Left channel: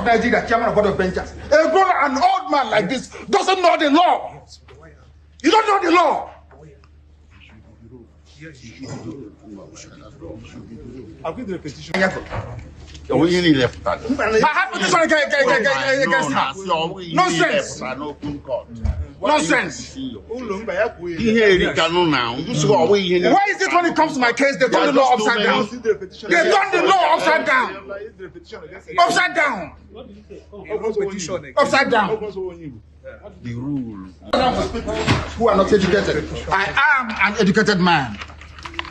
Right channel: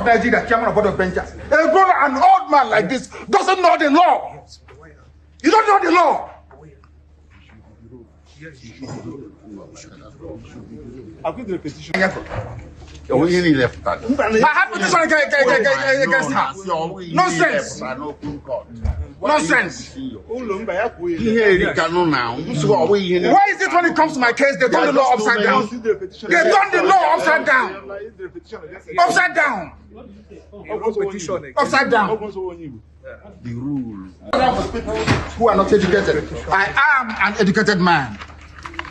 of Nigeria, chairman of board of benchers. An old man like this doesn't know the law. You don't know the law. I'll give the petition. I have petition against her. Nonsense. Nonsense. Why is it when it comes to my case, they turn the law upside down? They turn the law upside down. Upside down. Upside down. The rule. Who are not educated. I am an educated man.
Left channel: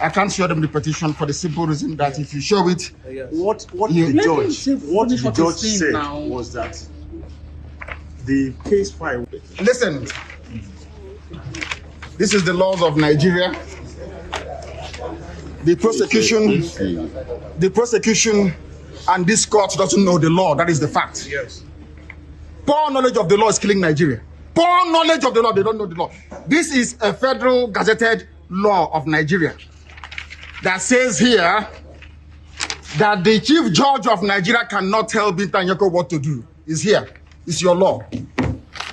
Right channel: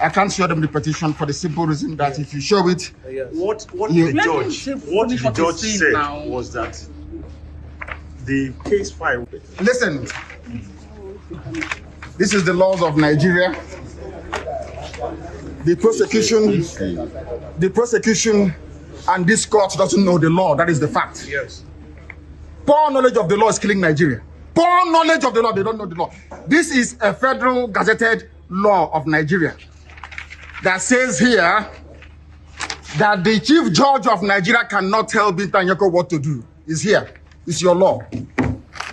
I can't show them the petition for the simple reason that if you show it, what the judge said was that the case file. Listen, this is the laws of Nigeria. The prosecution, and this court doesn't know the law. That is the fact. Yes. Poor knowledge of the law is killing Nigeria. Poor knowledge of the law, they don't know the law. This is a federal gazetted law of Nigeria that says here that the chief judge of Nigeria cannot tell Binta Nyeko what to do. It's here. It's your law.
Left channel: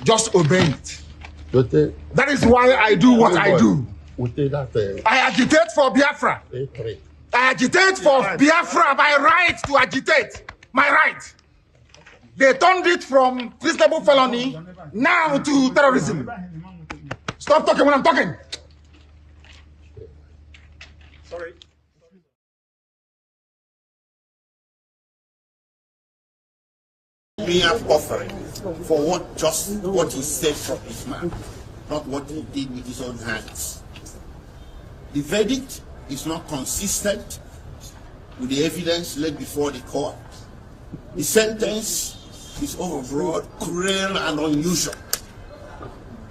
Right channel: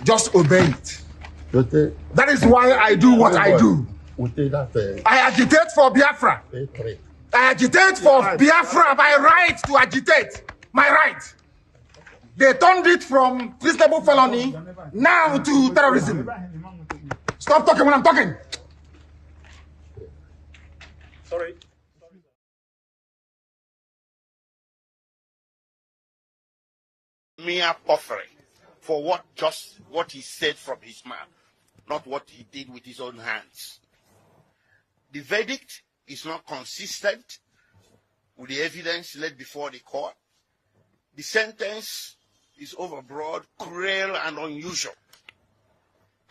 Just obey it. That is why I do what I do. I agitate for Biafra. I agitate for Biafra by right to agitate. My right. They turned it from treasonable felony now to terrorism. Stop talking when I'm talking. Sorry. Me have offering for what he said from his mouth, not what he did with his own hands. The verdict is not consistent with the evidence laid before the court. The sentence is overbroad, cruel, and unusual.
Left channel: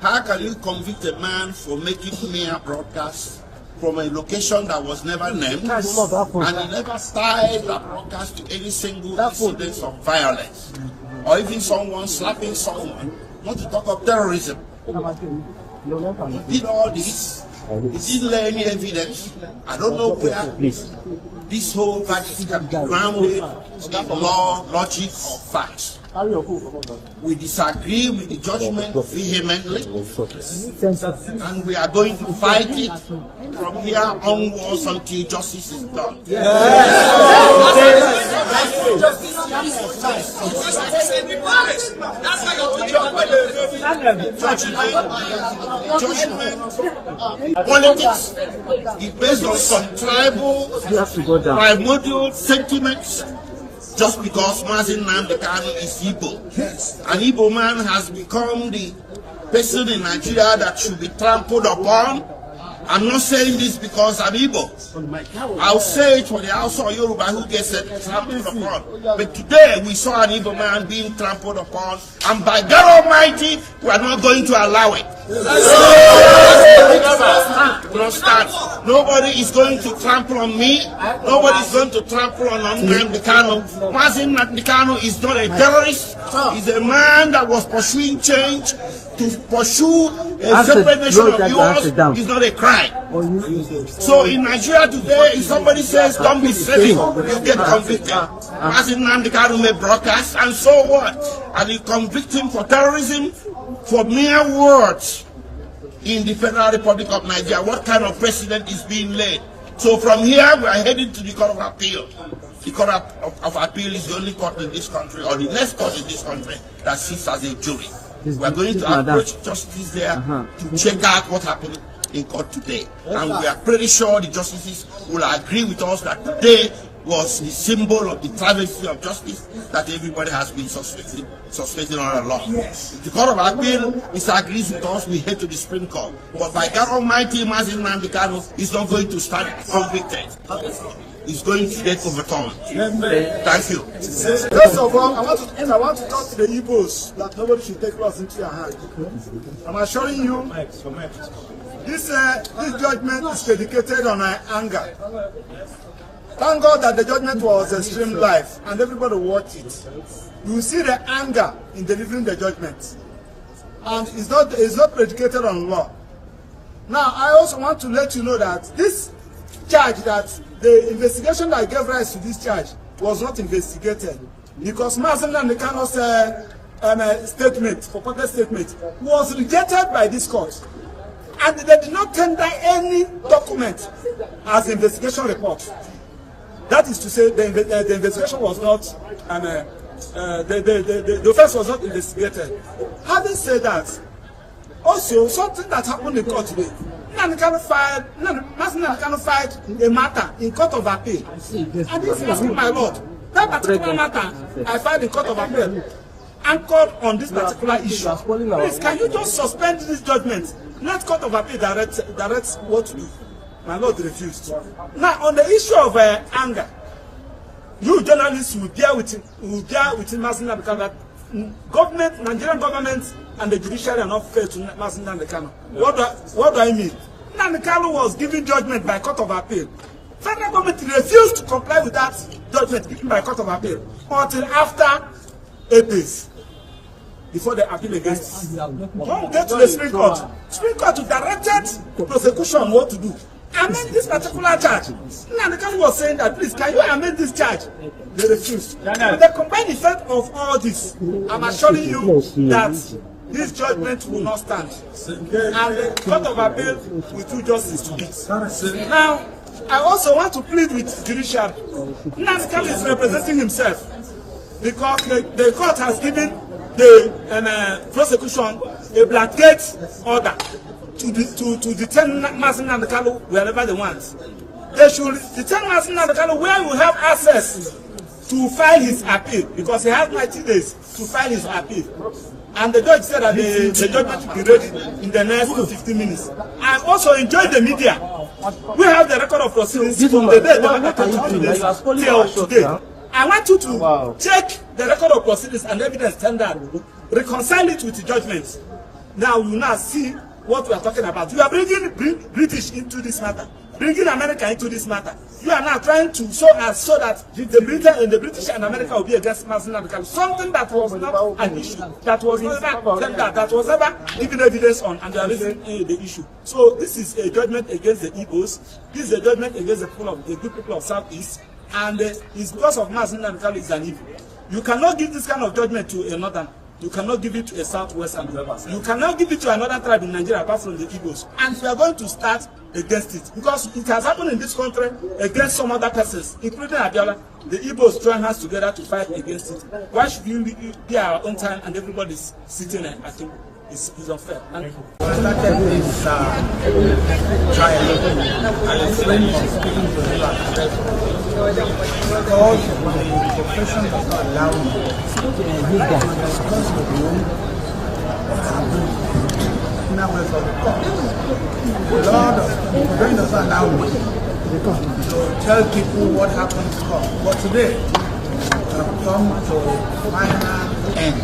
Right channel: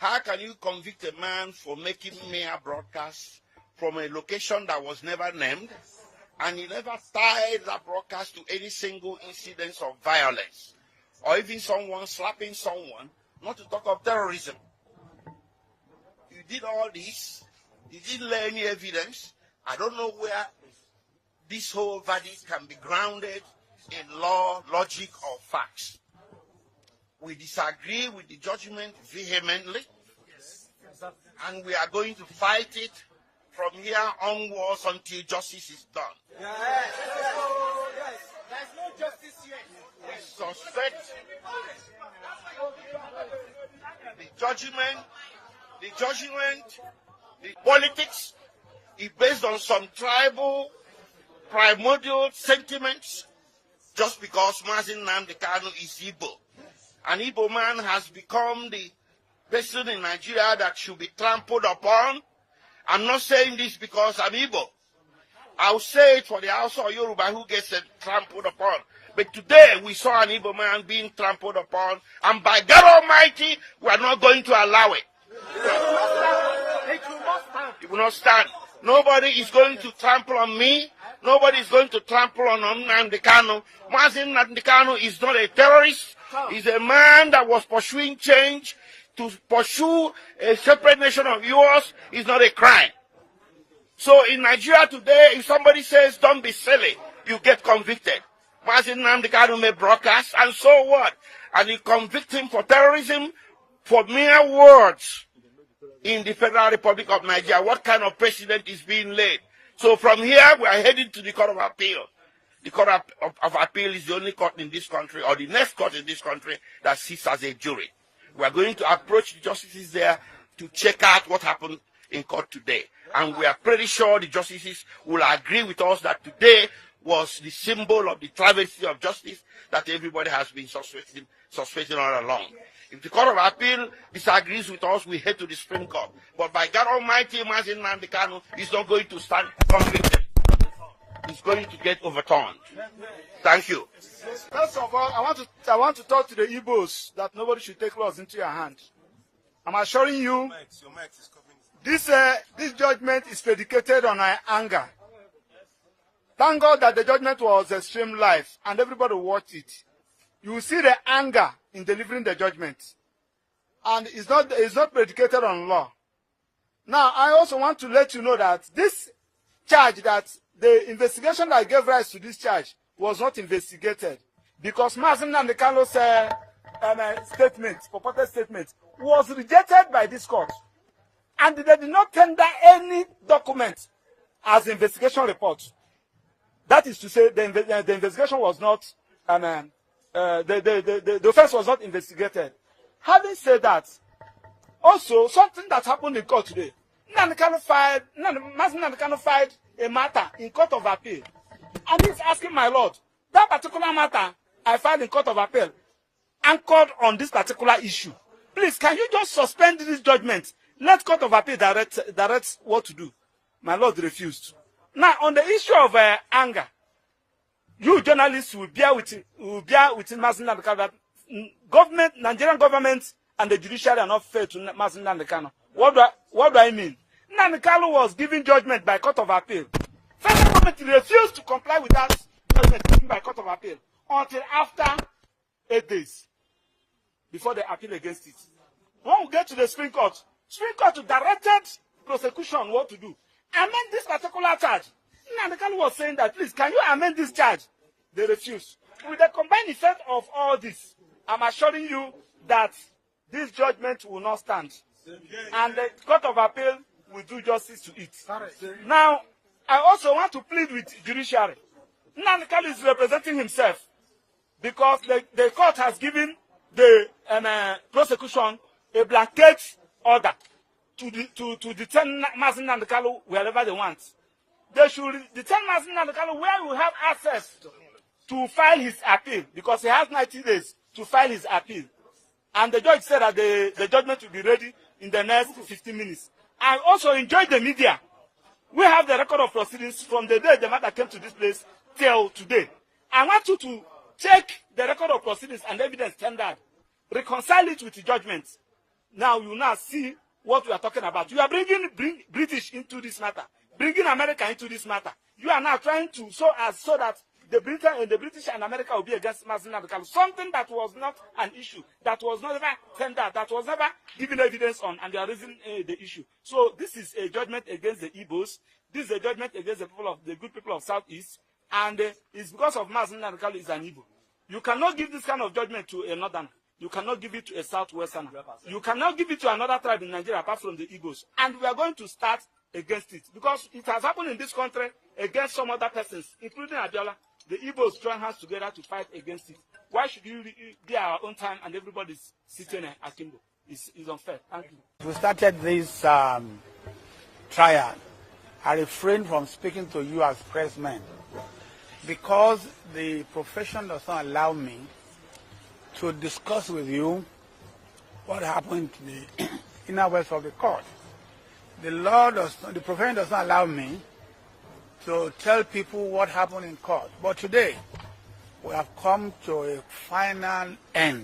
How can you convict a man for making mere broadcasts from a location that was never named, and he never tied that broadcast to any single incident of violence, or even someone slapping someone, not to talk of terrorism? He did all this. He didn't lay any evidence. I don't know where this whole verdict can be grounded in law, logic, or facts. We disagree with the judgment vehemently, and we are going to fight it from here onwards until justice is done. Judgment, politics is based on some tribal, primordial sentiments. Just because Nnamdi Kanu is Igbo. An Igbo man has become the person in Nigeria that should be trampled upon. I'm not saying this because I'm Igbo. I'll say it for the Hausa or Yoruba who gets trampled upon. But today we saw an Igbo man being trampled upon, and by God Almighty, we are not going to allow it. Nobody is going to trample on me. Nobody is going to trample on Nnamdi Kanu. Nnamdi Kanu is not a terrorist. He's a man that was pursuing change. To pursue a separate nation of yours is not a crime. So in Nigeria today, if somebody says don't be silly, you get convicted. Nnamdi Kanu may broadcast, and so what? And you convict him for terrorism for mere words in the Federal Republic of Nigeria. What kind of precedent is being laid? So from here, we are heading to the Court of Appeal. The Court of Appeal is the only court in this country, or the next court in this country, that sits as a jury. We are going to approach justice there to check out what happened in court today. And we are pretty sure the justices will agree with us that today was the symbol of the travesty of justice that everybody has been suspecting all along. If the Court of Appeal disagrees with us, we head to the Supreme Court. But by God Almighty, Nnamdi Kanu is not going to stand convicted. He's going to get overturned. Thank you. First of all, I want to talk to the Igbos that nobody should take laws into your hand. I'm assuring you, this judgment is predicated on anger. Thank God that the judgment was streamed live and everybody watched it. You will see the anger in delivering the judgment. And it's not predicated on law. Now, I also want to let you know that this charge, that the investigation that gave rise to this charge was not investigated. because Nnamdi Kanu's statement, purported statement, was rejected by this court. And they did not tender any document as investigation report. That is to say, the investigation was not, the offense was not investigated. Having said that, also something that happened in court today, Nnamdi Kanu filed a matter in court of appeal. And he's asking, my lord, that particular matter I filed in court of appeal anchored on this particular issue. Please, can you just suspend this judgment? Let court of appeal direct what to do. My lord refused. Now, on the issue of anger, you journalists will bear with Nnamdi Kanu that government, Nigerian government, and the judiciary are not fair to Nnamdi Kanu. What do I mean? Nnamdi Kanu was given judgment by court of appeal. Federal government refused to comply with that judgment given by court of appeal until after 8 days before the appeal against it. When we get to the Supreme Court directed prosecution on what to do. Amend this particular charge. Nnamdi Kanu was saying that, please, can you amend this charge? They refused. With the combined effect of all this, I'm assuring you that this judgment will not stand. And the court of appeal will do justice to it. Now, I also want to plead with judiciary. Nnamdi Kanu is representing himself because the court has given the prosecution a blanket order to detain Nnamdi Kanu wherever they want. They should detain Nnamdi Kanu where we have access to file his appeal, because he has 90 days to file his appeal. And the judge said that the judgment will be ready in the next 15 minutes. I also enjoyed the media. We have the record of proceedings from the day till today. I want you to check the record of proceedings and evidence tendered, reconcile it with the judgments. Now you will now see what we are talking about. You are bringing British into this matter, bringing America into this matter. You are now trying to so that the British and America will be against Nnamdi Kanu. Something that was not an issue, that was never tendered, that was never given evidence on, and they are raising the issue. So this is a judgment against the Igbos. This is a judgment against the good people of Southeast, and it's because of Nnamdi Kanu is an evil. You cannot give this kind of judgment to a northern. You cannot give it to a southwestern. You cannot give it to another tribe in Nigeria apart from the Igbos. And we are going to start against it, because it has happened in this country against some other persons, including Abiola. The Igbos join hands together to fight against it. Why should you be our own time and everybody's sitting at table? It's unfair. We started this trial, and a friend is speaking to you at the because the profession does not allow me to discuss with you what happened in our West of the court. The law does not allow me to tell people what happened to court. But today, we have come to a final end.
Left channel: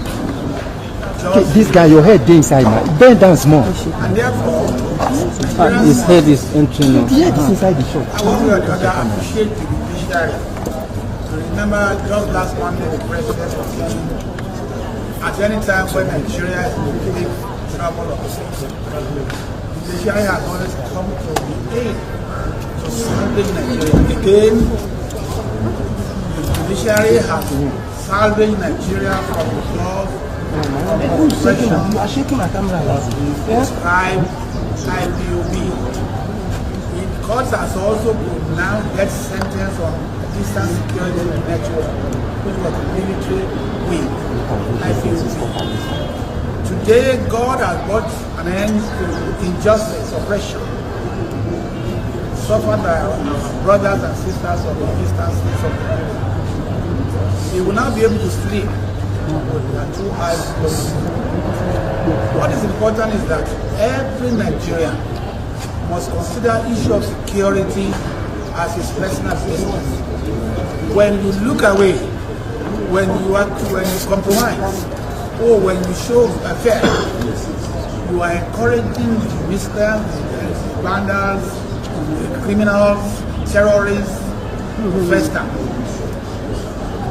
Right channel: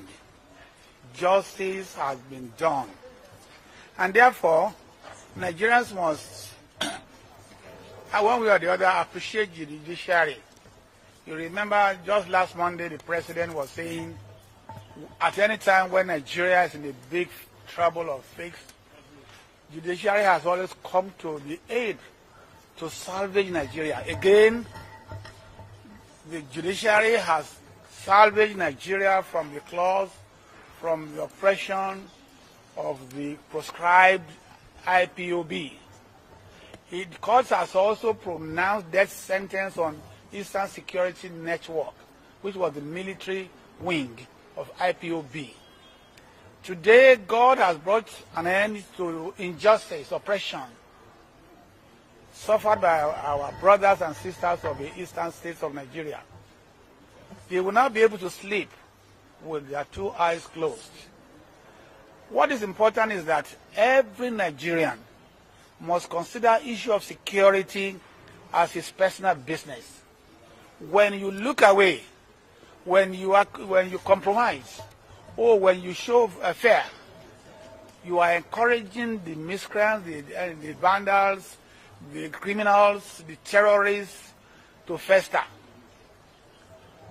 This guy, your head inside now. Bend down small. And therefore, his head is entering now. His head is inside the shop. I want to appreciate the judiciary. To remember, just last Monday, the president was saying, at any time when Nigeria is in big trouble or things, the judiciary has always come to the aid to salvage Nigeria. Again, the judiciary has salvaged Nigeria from the laws. You are shaking my camera. Prescribed IPOB. The court has also pronounced death sentence on Eastern Security Network, which was the military wing, IPOB. Today, God has brought an end to injustice, oppression, suffered by our brothers and sisters of the eastern states of Nigeria. They will not be able to sleep with their two eyes closed. What is important is that every Nigerian must consider issue of security as his personal business. When you look away, when you compromise, or when you show fear, you are encouraging the miscreants, the vandals, the criminals, terrorists to fester.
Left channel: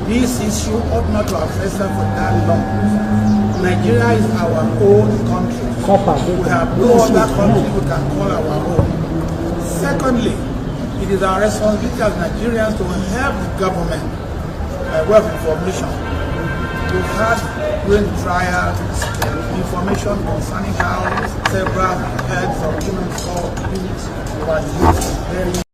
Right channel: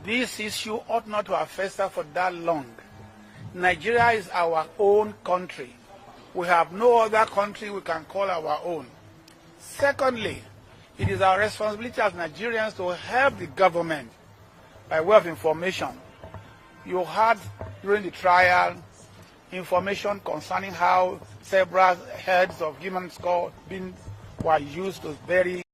This issue ought not to have festered for that long. Nigeria is our own country. We have no other country we can call our own. Secondly, it is our responsibility as Nigerians to help the government by way of information You had during the trial information concerning how several heads of human beings were used very